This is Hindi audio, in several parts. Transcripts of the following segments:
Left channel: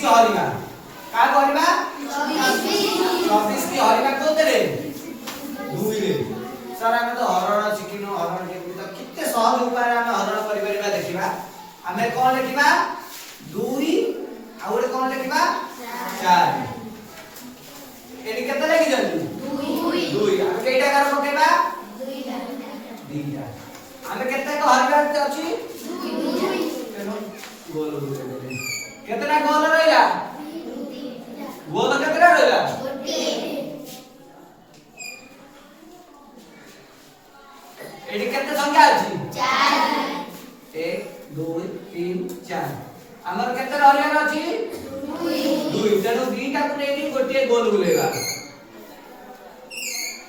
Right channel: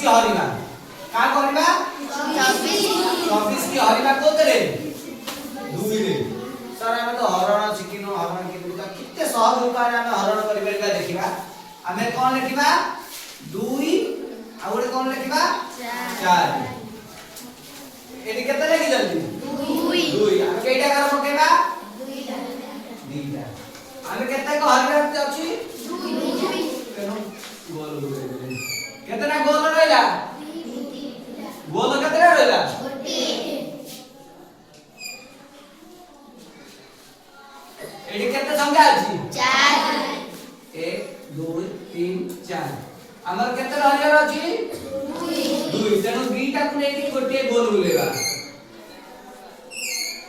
की हरिणा का करबा 24 की हरिणा कोते रे 2 रे सर हमें तो हरण शिखिनो हरण के तो कितने सहज उपाय हमें हरण करि परबा देखिबा हमें कोन लिखिबा 2 आ ओरे कोन लिखिबा 4 एडी केते लगी जल्दी 2 हम केटा कर पकेबा 2 हमें केते को हरिणा अछि 2 गोल केतना गोल रहला गोल केतना रहला एडी केते संख्या अछि 4 1 2 3 4 हमर केते रहले अछि 2 तेनु दुईटा को नेकी गोटे गोल बुलेगा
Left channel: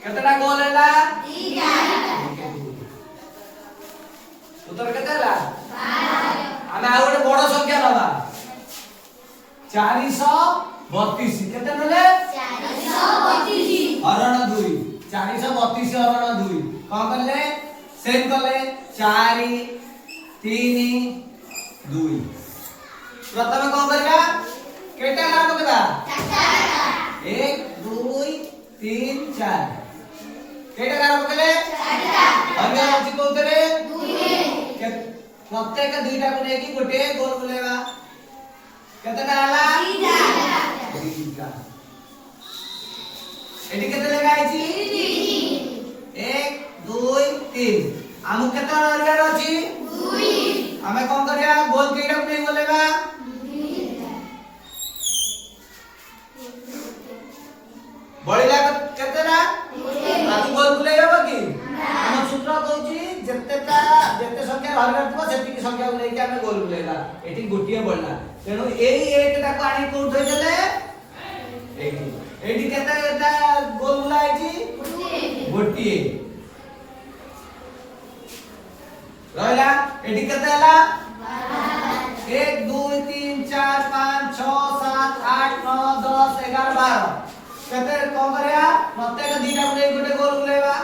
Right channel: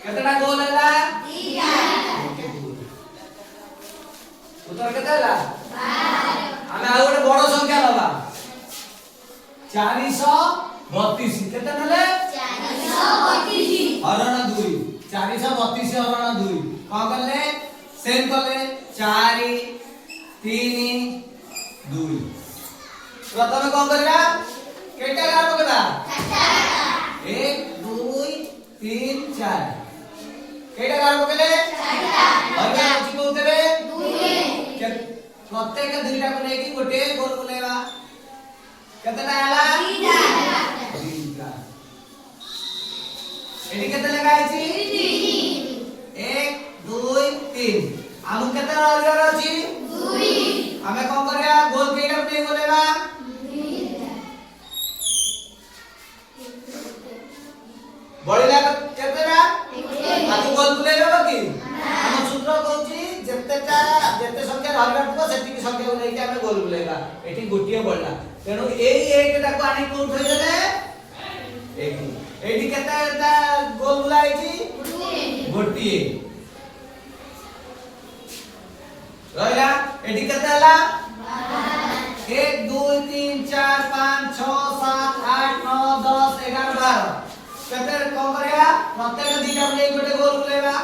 केतना गोल हैला 2टा उत्तर केते हैला 12 हमें आ गोटे बड़ संख्या लबा 432 केते नले 432 हरण 2 432 हरण 2 का करले सेम करले 4 3 2 प्रथम कोन करबा केटा काम करबा 1 2 3 4 केटा काम करले 4 हमें अछि कोतरे 2 प्रत्येक दुईटा को नेकी गोटे गोल बुलेबा केतना हला 3टा एडी केते लगाइछि 1 2 3 हम केतना रहलिया अछि 2 हमें कोन करया गोल केटा को नहीं बोलेबा बळिला केतना हम गोल बुलेबा कि हम सूत्र कहूची जेते संख्या रहलथबो सेति की संख्या को लेके हम गोल बुलेबा एठी गोटिए बळला तेनु एई एकटा को आनी कोन थई देले एठी केता गोल बुलाइची गोटिए रहला एठी केता हला 1 2 3 4 5 6 7 8 9 10 11 12 केते कोन करया प्रत्येक दीटा को लेके गोटे गोल बुलेबा